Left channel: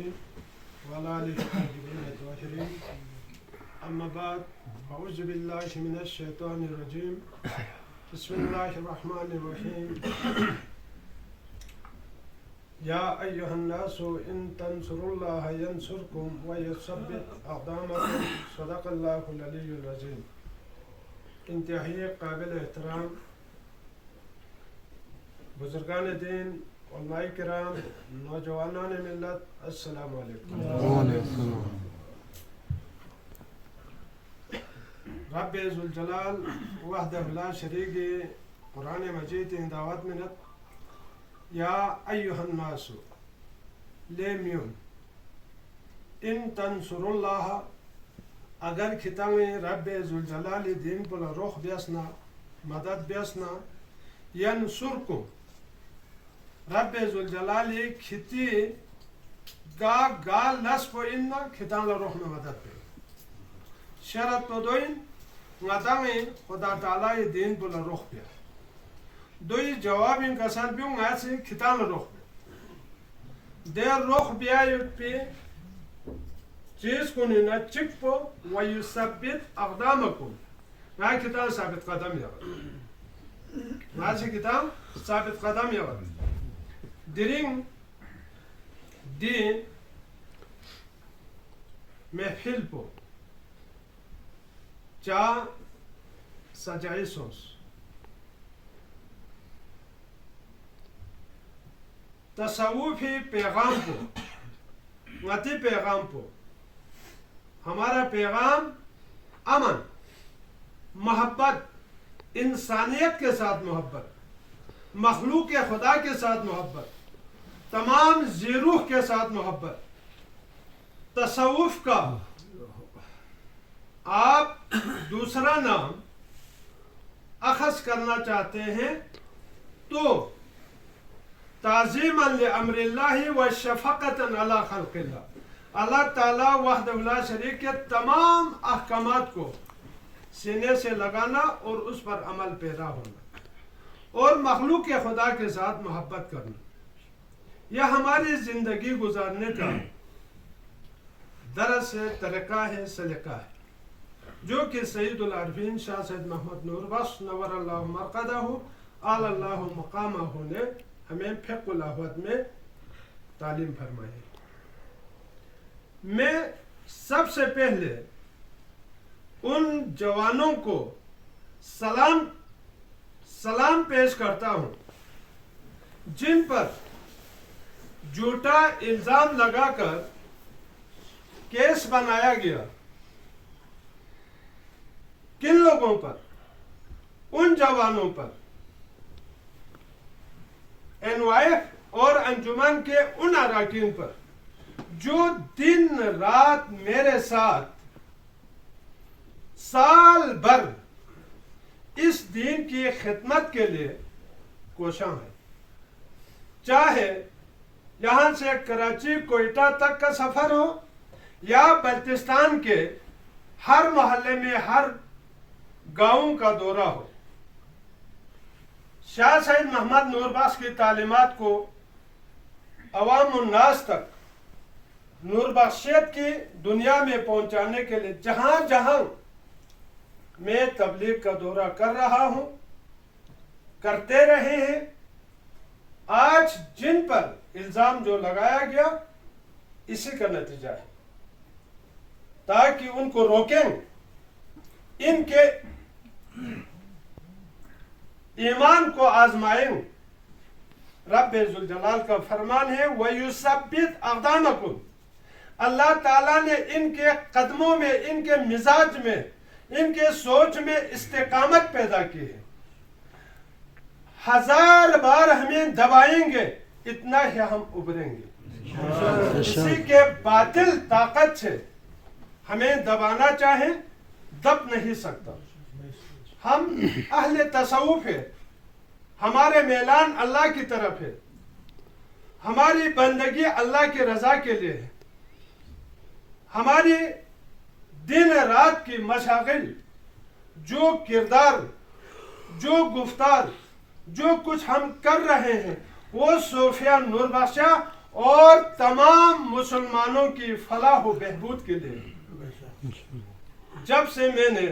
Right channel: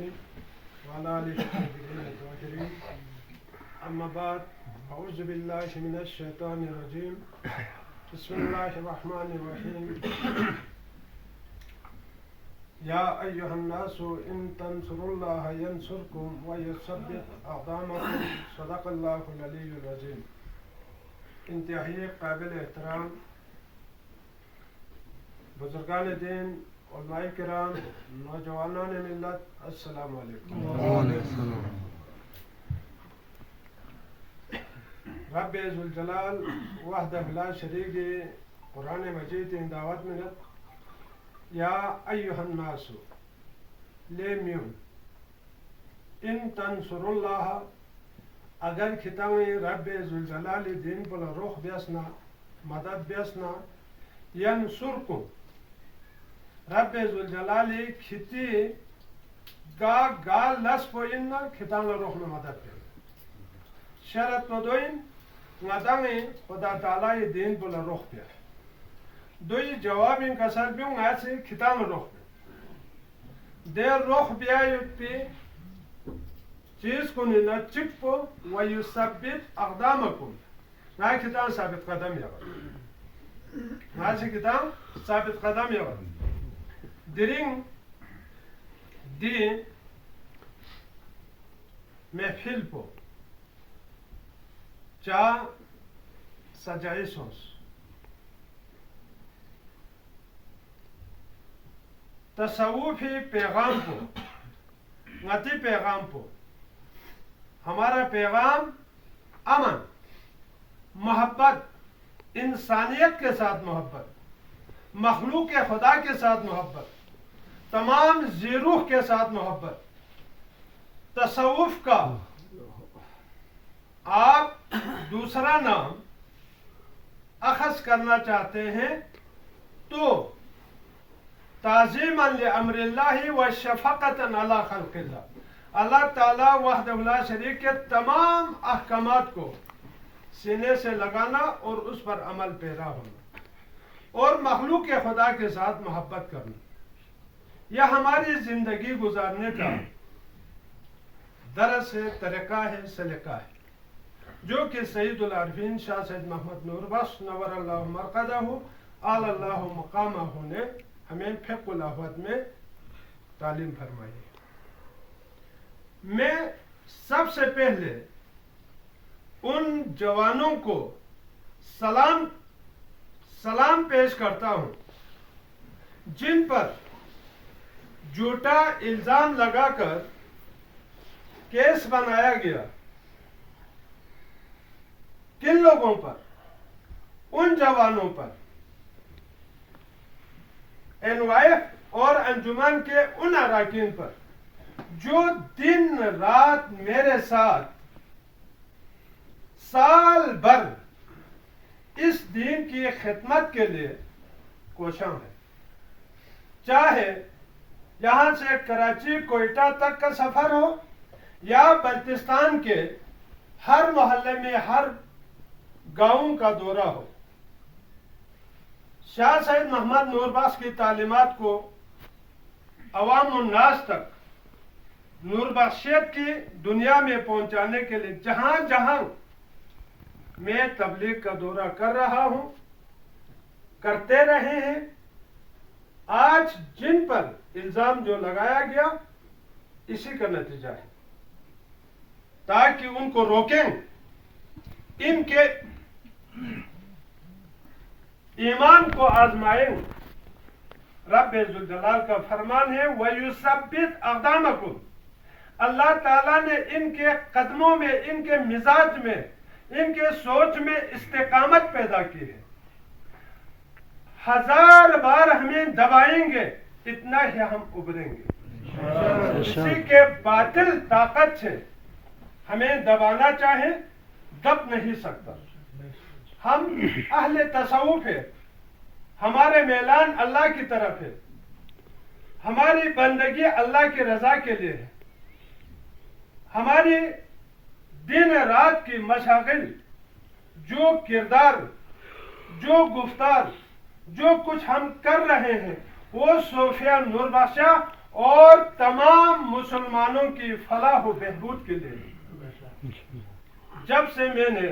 الكريم وعلى آله الطاهرين الطاهرين أما بعد أعوذ بالله من الشيطان الرجيم بسم الله الرحمن الرحيم يا أيها الناس إن تنصروا الله ينصركم ويثبت أقدامكم صدق الله العلي العظيم. انتہائی قابل احترام بزرگان دین، علماء کرام، نوجوانان ملت، السلام علیکم. رب ذوالجلال وحدہ لا شریک قرآن مجید ان دعوت منت یا ایہا الناس لیمیون ان تنصر اللہ اگر کھتاویں رب ذوالجلال دین پر روح بیسنا مدد بیسنا ینصرکم رب ذوالجلال کھتی گا لس پو اننا کھتان روح میں مدد پہ شرط پدوین مدامیں خدا تعالی دین پر روح پہ دوی جواب ان کا سر بیوں آج سے کھتان روح پہ دیر روح بیایت پہ چیز کو نینا چک پو ویثبت اقدامکم ماں کتاب ثابت قدم یاور ماں سے کتاب ثابت قدم یاور درین دی محفل پو چا سجائی سوس تصوفی پیغام پو غتی پیغام پو ہمارا پیغام امن، محبت، انسانیت کے ساتھ محبت، مخلوق خدا کے ساتھ محبت، تمام ذیروح کے ساتھ محبت، تصوف کا آپ دوسرا نام اخذ کرنا چاہتے ہیں تو تعظیما لامر اللہ و شفقتا علی خلق اللہ، اللہ تعالیٰ وحدہ لا شریک کے تمام احکامات کو سینے سے لگانا اور اس پر عمل پیرا ہونا اور مخلوق خدا کے ساتھ محبت کرنا، یہ ہماری زندگی گزارنے کا درس ہے، طریقہ ہے، سلیقہ ہے، جو کہ سید العارفین شاہ سید محمد نور بخش نور اللہ مرقدہ اعلی اللہ مقامہ نے ہمیں فقہ الاحوت میں تعلیم فرمائی ہے. میں سب سے پہلے ان جوانوں کو سلام پیش کرتا ہوں جن پر جھوٹا الزام لگا کر کیس بنایا گیا. کن لوگوں پر؟ ان جوانوں پر، NYF اور انجمن کے ان اراکین پر جو دن رات میرے ساتھ سال بھر اس دین کی خدمت کے لیے کوشاں ہے، چاہے یہاں سے کراچی کوئٹہ تک کا سفر ہو یا بلوچستان کے ہر محلے میں ہر گاؤں کا دورہ ہو. شاہ سید محمد نور بخش کی تعلیمات کو عوام الناس تک نور بخشیت کی دنیا میں پہنچانے کے لیے جہاں جہاں میں تبلیغ کا دورہ کر رہا ہوں، کرتے رہے ہیں. آج جن پر الزام جو لگایا گیا اسی کا نتیجہ ہے، تاکہ ان کو روکیں، ان کے ایمان کو آزمائیں. رب ذوالجلال کا فرمان ہے وَيُثَبِّتْ أَقْدَامَكُمْ، اللہ تعالیٰ نے ان کے قدموں میں، ان کے مزاج میں، ان کے سوچ میں استقامت پیدا کی ہے. 1000 بار ہمیں دبائیں گے اتنا ہی ہم ابھریں گے. کسی کے باطل طاقت سے ہمیں دبانا چاہیں دب نہیں سکتا. ہم اہل تصوف ہے، ہمارے میلان اللہ کی طرف ہے، ہماری بندگی اللہ کی رضا کے لیے ہے. ہماری دن رات کی مشاغل، جو کردار، جو گفتار، جو کچھ ہم کر رہے ہیں وہ صوفیہ نور بخشہ اور تمام مسلمانوں کی فلاح و بہبود کے لیے۔ جب سے میں نے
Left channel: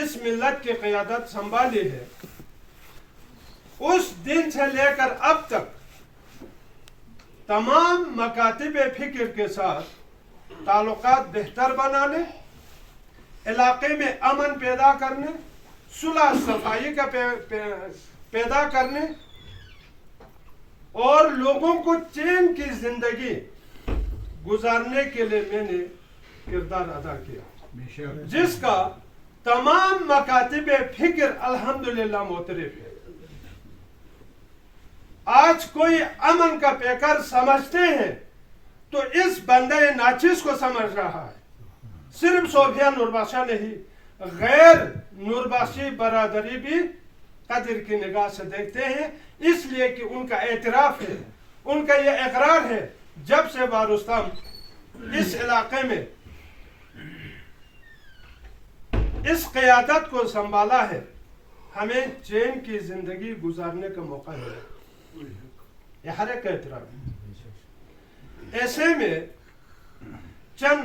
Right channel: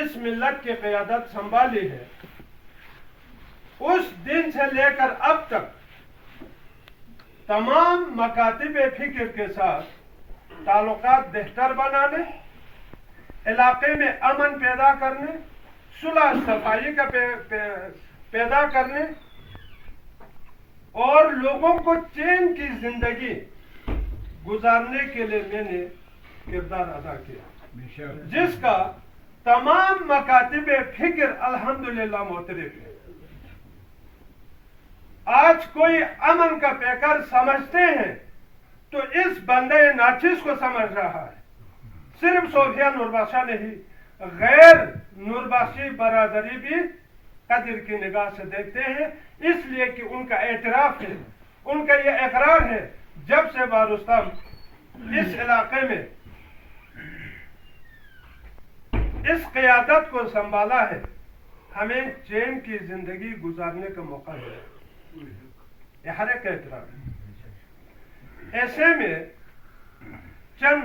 اس ملت کی قیادت سنبھالی ہے، اس دن سے لے کر اب تک تمام مکاتب فکر کے ساتھ تعلقات بہتر بنانے، علاقے میں امن پیدا کرنے، صلح صفائی کا پیدا کرنے اور لوگوں کو چین کی زندگی گزارنے کے لیے میں نے کردار ادا کیا، جس کا تمام مکاتب فکر الحمدللہ معترف ہے۔ آج کوئی امن کا پیکر سمجھتے ہیں تو اس بندہ ناچیز کو سمجھ رہا ہے۔ صرف صوفیہ نوربخشہ نہیں، غیر نوربخشی برادری بھی قدر کی نگاہ سے دیکھتے ہیں، اس لیے کہ ان کا اعتراف ہے، ان کا یہ اقرار ہے، جب سے وارستم اس علاقے میں اس قیادت کو سنبھالا ہے، ہمیں چین کی زندگی گزارنے کا موقع ہے، یہ ہر ایک کا اعتراف ہے۔ ایسے میں چند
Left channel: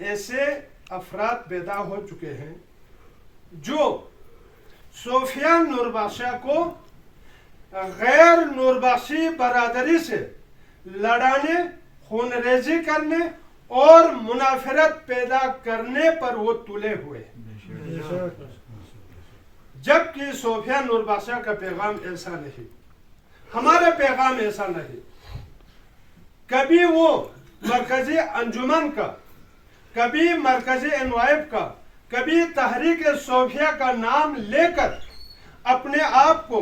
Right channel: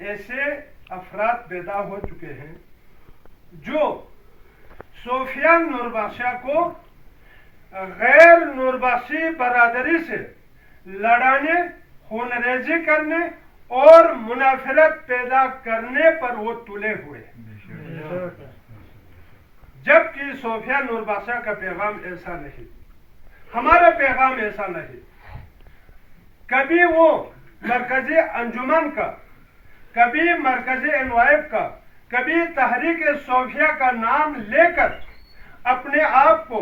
ایسے افراد پیدا ہو چکے ہیں جو صوفیہ نوربخشہ کو غیر نوربخشی برادری سے لڑانے، خون ریزی کرنے اور منافرت پیدا کرنے پر وہ تلے ہوئے، جبکہ صوفیہ نوربخشہ کا پیغام ایسا نہیں، ہمارا پیغام ایسا نہیں۔ کبھی وہ مرکزی انجمن کا، کبھی مرکزی انوائب کا، کبھی تحریک صوفیہ کا نام لے کر اپنے آپ کو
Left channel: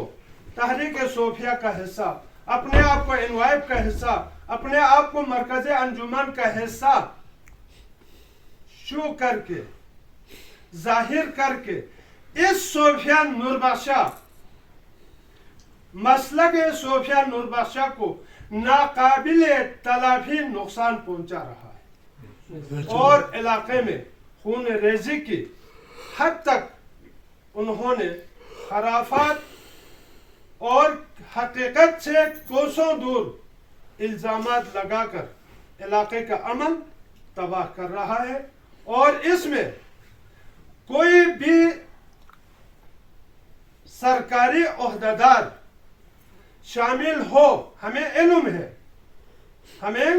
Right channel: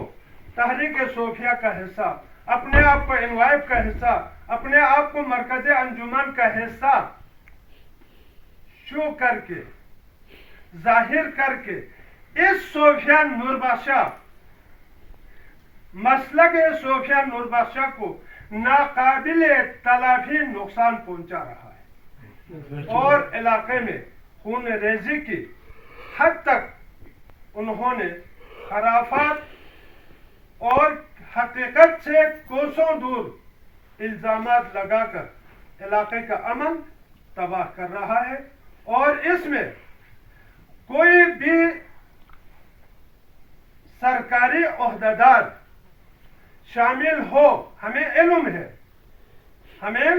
تحریک صوفیہ کا حصہ، اپنے آپ کو انوائب کا حصہ، اپنے آپ کو مرکزی انجمن کا حصہ شو کر کے، ظاہر کر کے اس صوفیہ نوربخشہ مسلک صوفیہ نوربخشہ کو ناقابل تلافی نقصان پہنچا رہا ہے، اور علاقے میں خون ریزی کی حد تک انہوں نے خرافات اور حقیقت سے کوسوں دور الزامات لگا کر علاقے کا امن تباہ کر رہا ہے، اور اس میں کوئی بھی سرکاری عہدیدار شامل ہو، ہمیں علم ہے، ہمیں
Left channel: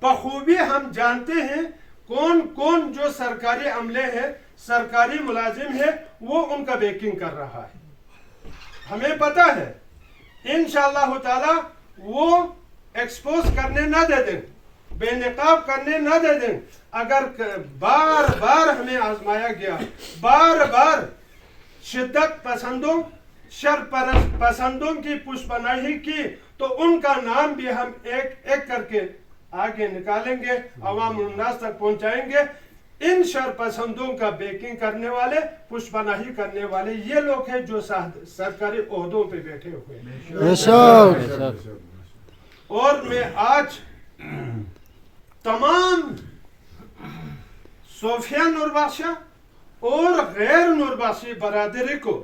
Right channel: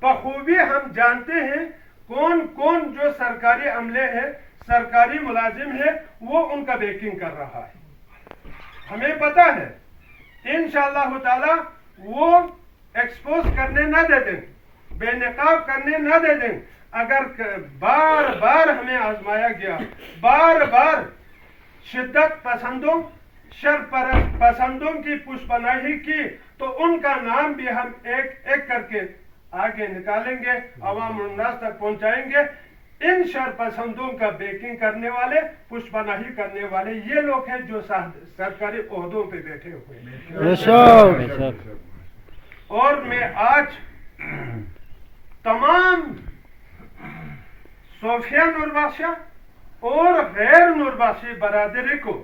بخوبی ہم جانتے ہیں کون کون جو سرکاری عملے ہیں، سرکاری ملازم ہے، وہ ان کا بیکنگ کر رہا ہے، ہمیں پتہ ہے۔ انشاءاللہ تعالی وہ ایکسپوز کرنے نہ دے دیں، بے نقاب کرنے نہ دے دیں۔ اگر بار بار ہمیں آزمایا گیا، بار بار شدت پسندوں، شر پسندوں کی پشپناہی کی، تو ان کا نام بھی ہم ایک ایک کر کے آگے نکالیں گے، عوام الناس تک پہنچائیں گے۔ ان شر پسندوں کا بیکنگ کرنے والے، پشپناہی کرنے والے یہ لوگ ہیں جو سرکاری عہدوں پہ بیٹھے ہوئے ہیں۔ اور میں آج تمام صوفیہ نوربخشہ اور غیر نوربخشی برادری کو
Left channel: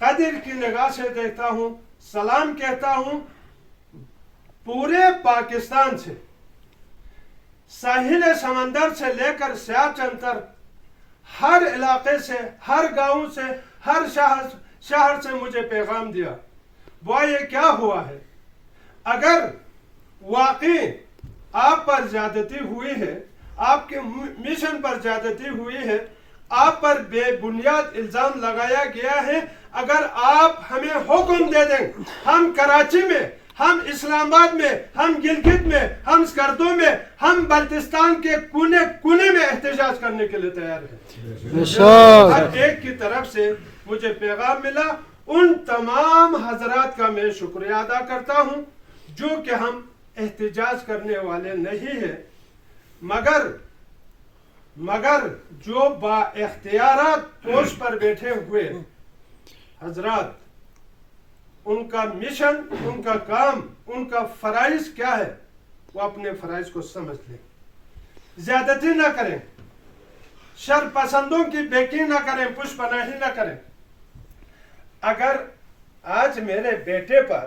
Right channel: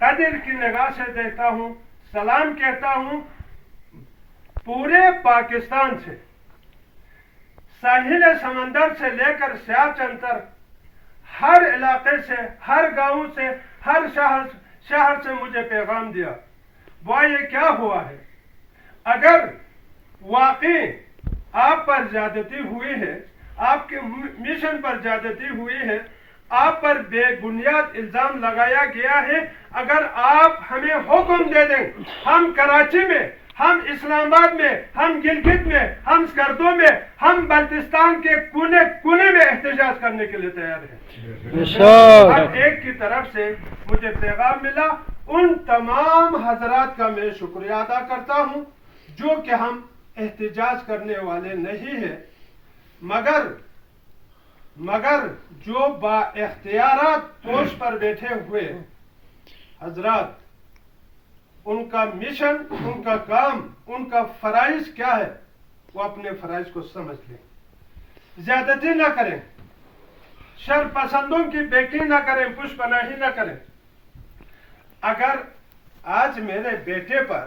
قدر کی نگاہ سے دیکھتا ہوں، سلام کہتا ہوں۔ پورے پاکستان سے، ساحل سمندر سے لے کر سیاچن تک، ہر علاقے سے، ہر گاؤں سے، ہر شہر سے مجھے پیغام دیا، یہ کیا ہوا ہے؟ اگر واقعی آپ پر زیادتی ہوئی ہے، آپ کے مشن پر زیادتی ہوئی ہے، آپ پر بے بنیاد الزام لگایا گیا ہے، اگر آپ ہمیں حکم دے دیں، ہم کراچی میں، ہم اسلام آباد میں، ہم گلگت میں، ہم سکردو میں، ہم بلتستان کے کونے کونے میں احتجاج کرنے کے لیے تیار ہیں۔ ہر ایک کی طرف سے مجھے پیغام ملا، ان تمام حضرات کا میں شکریہ ادا کرتا ہوں جو کہ ہم احتجاج کرنے والے نہیں ہیں، مگر جو با اختیارات پوسٹ پر بیٹھے ہوئے حضرات، ان کا مشن، ان کا کام، ان کا فرائض کیا ہے، وہ اپنے فرائض کو سمجھ لیں، زیادتی نہ کریں، شر پسندوں کی بیکنگ نہ کریں، پشپناہی نہ کریں۔ اگر آج میرے بیٹے پر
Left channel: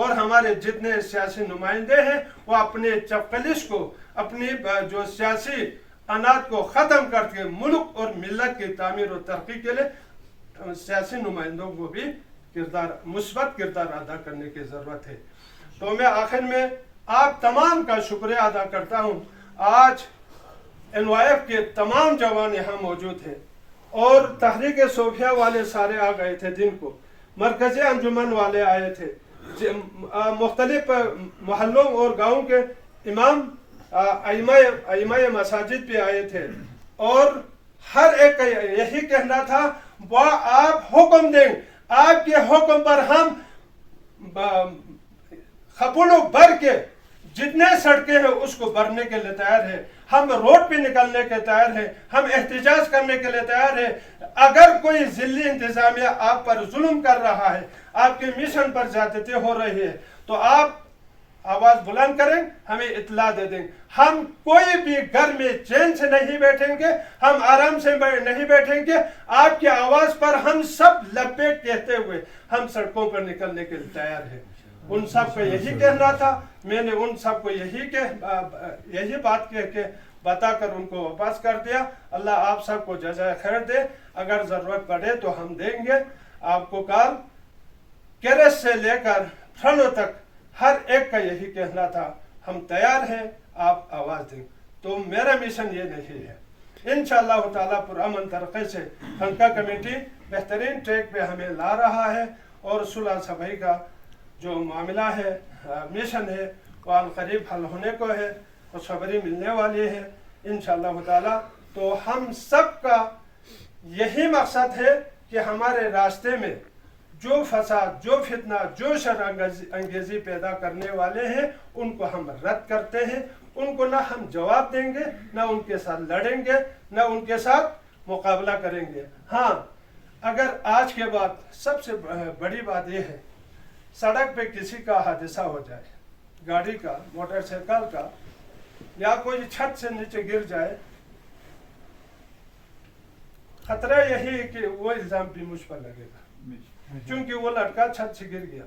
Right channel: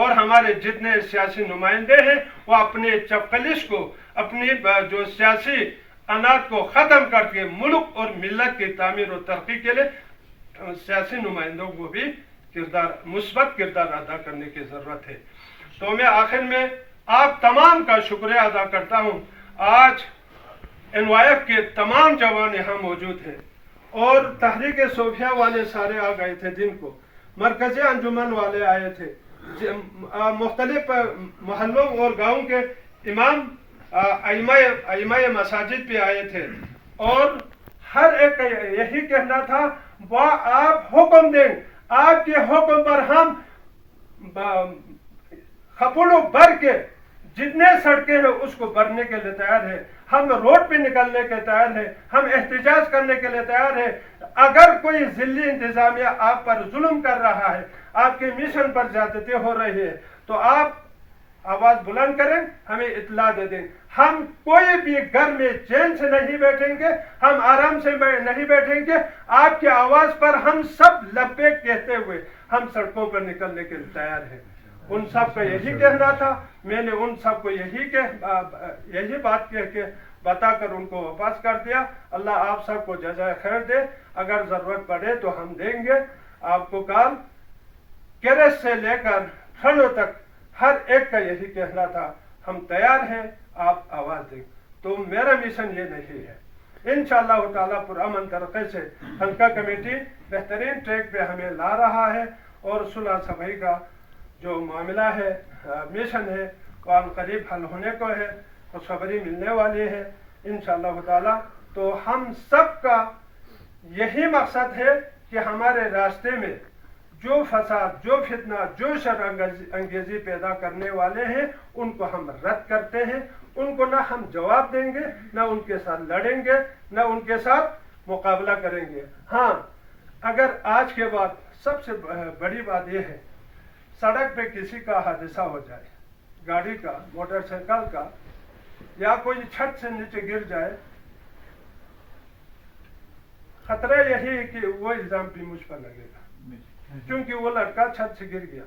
اور ہمارے جتنے سیاسی نمائندے ہیں وہ اپنے چپکلش کو، اپنی جو سیاسی اناج کو ختم کر کے ملک اور ملت کی تعمیر و ترقی کے لیے سیاسی نمائندوں کو بھی مثبت کردار ادا کرنے کی ضرورت ہے۔ تو میں آخر میں آپ تمام کا شکریہ ادا کرتا ہوں۔ آج NYF کے تمام جوان یہاں موجود ہیں اور تحریک صوفیہ والے سارے آ گئے تھے دن کو، مرکزی انجمن والے آئے تھے، مختلف محلوں اور گاؤں کے امام ائمہ مساجد بھی آئے تھے، اور ہر ایک کا یہی کہنا تھا وہ آپ حکم دیں، آپ کے حکم پر ہم خپلو بھر کے جتنے سڑکیں ہیں اس کو بھرنے کے لیے تیار ہے، ہم روڈ پہ نکلنے کے تیار ہیں، ہم احتجاج کرنے کے لیے تیار ہیں۔ اگر کوئی ذلی انتظامیہ آپ پر ظلم کر رہا ہے، آپ کے مشن پر زیادتی ہو رہی ہے، تو آپ آواز بلند کریں، ہمیں اطلاع دے دیں۔ ہم کوئی بھی گھر میں چین سے نہیں بیٹھیں گے، ہم آرام سے نہیں بیٹھیں گے، آپ کی آواز پر ہم سب لبیک کہتے ہوئے ہم سڑکوں پر نکلنے کے لیے تیار ہیں۔ ان سب کا یہی کہنا تھا، میں نے ان سب کو یہی بات کہہ کے بتا کر ان کو واپس کر دیا۔ اللہ آپ سب کو جزائے خیر دے، اگر ضرورت پڑے تو ہم دیں گے آپ کو کال۔ کیرس سے لے کر فرنو تک ہر ایک کا یہی کہنا تھا، ہم تیار ہیں، آپ آواز دیں۔ تو میرا مشن یہ نہیں ہے، انشاءاللہ تعالیٰ پرامن طریقے سے خانقاہ کمیٹی بہترین ٹریک پہ ہمیں لا رہا ہے، اور صلح صفائی کا جو معاملہ ہے، مشن ہے، وہ عن قریب حل ہونے کو ہے، خوشخبری ملنے والی ہے انشاءاللہ تعالیٰ۔ تو ہم سب کا یہی مقصد ہے کہ ہمارے راستے میں جو فساد، جو فتنہ، جو شر انگیزی پیدا کرنے والے ہیں ان کو ہم رد کرتے ہیں، ان کو نہ ہم جواب دیں گے، نہ ان کے ساتھ لڑیں گے، نہ ان کے ساتھ مقابلہ کریں گے۔ ہاں، اگر آج کے بعد سب سے بڑی بات یہ ہے، سڑک پہ کسی کا حادثہ ہو جائے، گاڑی کا، موٹر سائیکل کا، یا کوئی چھت سے نیچے گر جائے، خطرہ یہی ہے کہ وہ الزام بھی مجھ پر لگے گا، کیونکہ وہ لڑکا چھت سے گر گیا۔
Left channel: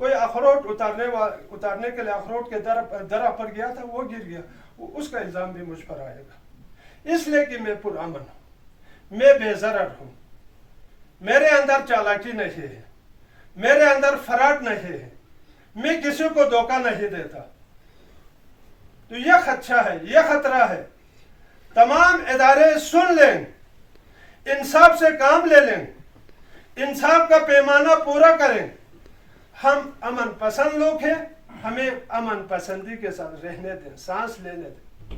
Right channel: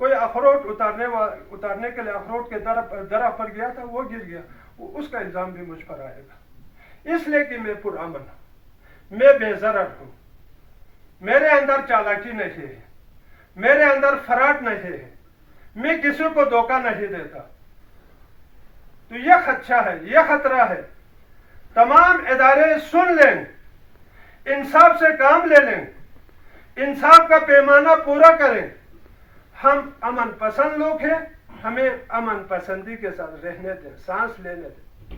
کوئی اخروٹ اتارنے کے لیے اخروٹ کے درخت پر گیا تھا، وہ گر گیا، اس کا الزام بھی مجھ پر آئے گا۔ اس لیے کہ میں پرامن ہوں، میں بے ضرر ہوں، میرے اندر چالاکی نہیں ہے، میرے اندر فراڈ نہیں ہے، میں کسی کو دھوکہ نہیں دیتا۔ تو یہ خدشہ ہے، یہ خطرہ ہے۔ تمام ادارے سن لیں، انصاف سے کام لے لیں، انصاف کا پیمانہ پورا کریں۔ ہم امن پسند لوگ ہیں، ہمیں امن پسندی کے ساتھ رہنے دیں، سانس لینے دیں۔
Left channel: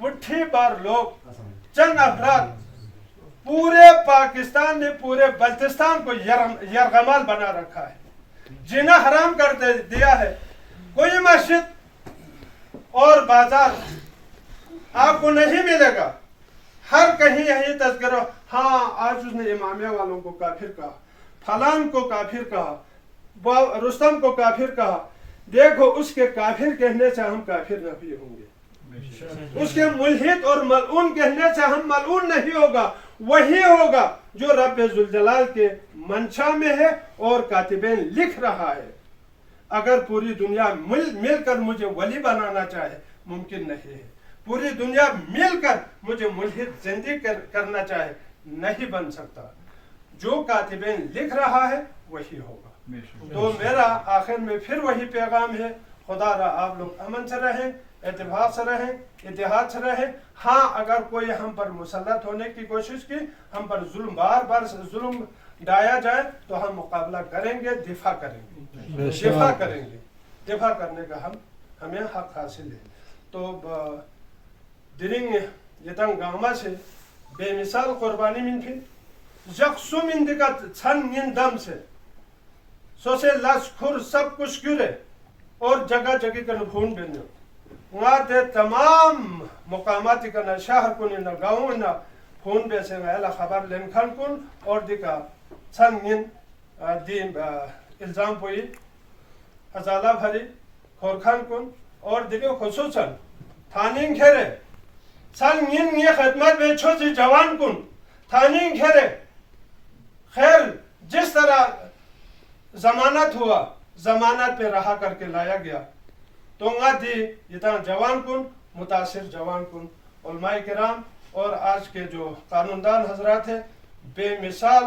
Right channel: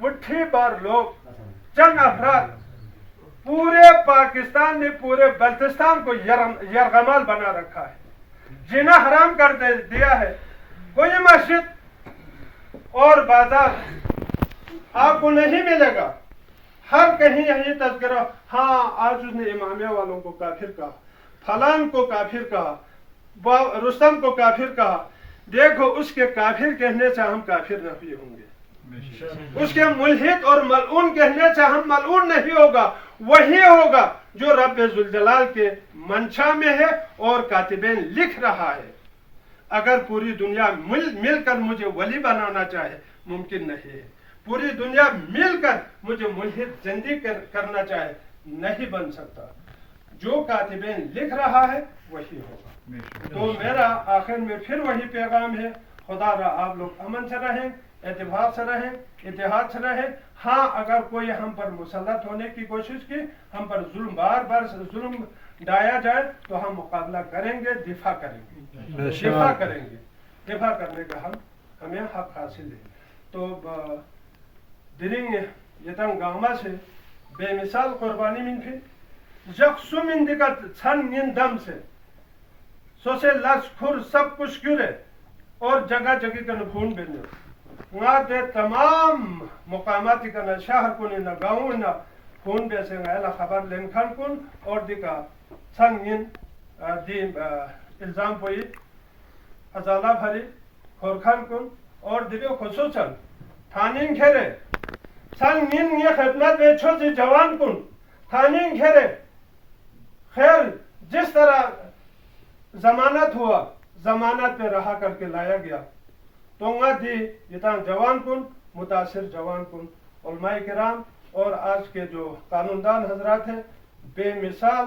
بٹھی بار لوگ، چند افراد پورے پاکستان نے پورے بلتستان کو یرغمال بنا رکھا ہے، جینا حرام کر دیا ہے۔ کوئی مسجد اور بازار آپ کو نہیں ملے گا، ہر کہیں یہی تذکرہ، ہاں آج اس نے امامیہ والوں کو کافر کہا، فلان کو کافر کہا، رستم کو کافر کہا۔ دیکھو، اس کے کافر کہنے سے ہم کافر نہیں ہوں گے، اس کے ملحد اور ملعون کہنے سے ہم ملعون نہیں ہوگا، وہی ہوگا جو رب ذوالجلال کے منشا میں ہے اور کاتبین لکھ رہا ہے۔ اگر پوری دنیا مل کر مجھے ولی بنانا چاہے، ممکن نہیں ہے۔ پوری دنیا مل کر مجھے ملحد زندگی کرنا چاہے، نہیں بن سکتا۔ جو کاتبین لکھ رہا ہے وہی ہوگا۔ تو میرا آخر میں پھر وہی پیغام ہے، خدا را آپ لوگ امن سے رہیں، اتفاق سے رہیں، اتحاد سے رہیں۔ ہاں، اگر کوئی ہم پر مسلط ہونے کی کوشش کی، ہم پر بار بار ظلم ڈھایا جائے، تو ہم مقابلہ کریں گے، دفاع کریں گے، دفاع کریں گے۔ دفاع کرنے کا ہمیں حق حاصل ہے۔ تو درنگ یتن گاما سے بے مثال قربانی من تھی، یکسو من دکت چھن من دم سے سو سے لس کھر سب کچھ گرے، اور جگہ جگہ کا نبھون بینو وہاں دے تمام مقامات کا شہر کن نہ گاؤں نہ خون بے سے نہ خبر لین کھان کن، اور دیکھا چھن من دی الزام پوئی ازالہ بھری کھورکھان کن، اور دیکھو خصوصاً تھانین گھیرے چھن من یہ خدمت میں چھوٹی جوان کن تھانین گھیرے۔ خیر، جس طرح ضمانت ہوا، ضمانت پہ رہا کر کے لایا گیا تونگا دی یہ جوان کن متاثر جوان کن علماء کرام اور آج کے جو قانون دان حضرات ہیں بے مثال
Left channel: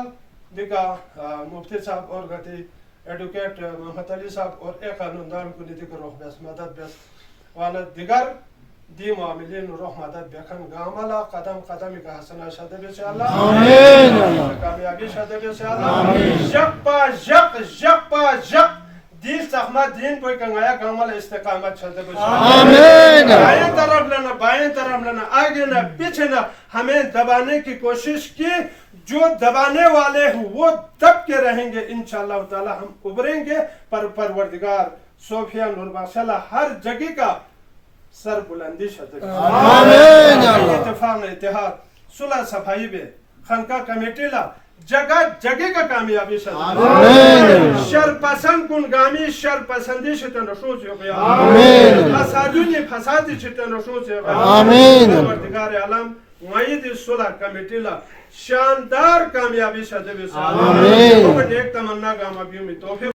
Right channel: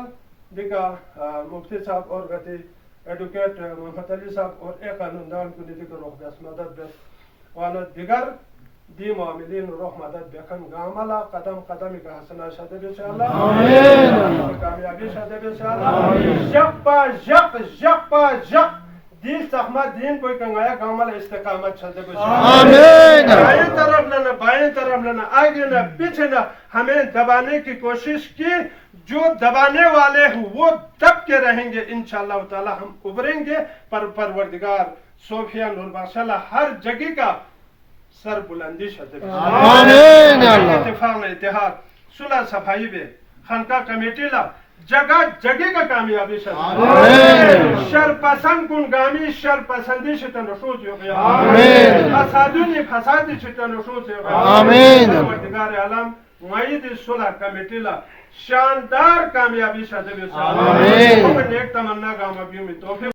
دیکھا مفتی صاحب اور گتی ایڈوکیٹ محمد علی صاحب اور ایک قانون دان کو دیکھا روح بیس مدد بیس وانا دیگر دی معاملین روح مدد بیکن گاملا قدم قدمی کا حسنہ شہدہ بیس اللہ آمین کامیابی شہدہ بیس اللہ جقا جق دی سخمت دین کوئی کنگایا گاملا استقامت شہدہ بیس اللہ بائیں طرف لینا آگے نہ پیچھے نہ ہمیں دبانے کی کوشش کی جو دبانے والے ہیں وہ دب کے رہیں گے انشاءاللہ تعالی ہم ابھریں گے پر پروردگار صوفیہ نور باشاللہ ہر جگہ کا سر بلندی شدہ آمین اتفاق اتحاد صلح صفائی بے خانقاہ کمیٹی لا جگہ کا کامیابی شدہ شر پسند کن گامی شر پسندی شتن رشوز ہو گیا فسادونی فسادی شتن رشوز ہو گیا پروردگار عالم معید صلح کمیٹی لا شاندار کامیابی شدہ آمین نیک تمنا گاما بھی توفیق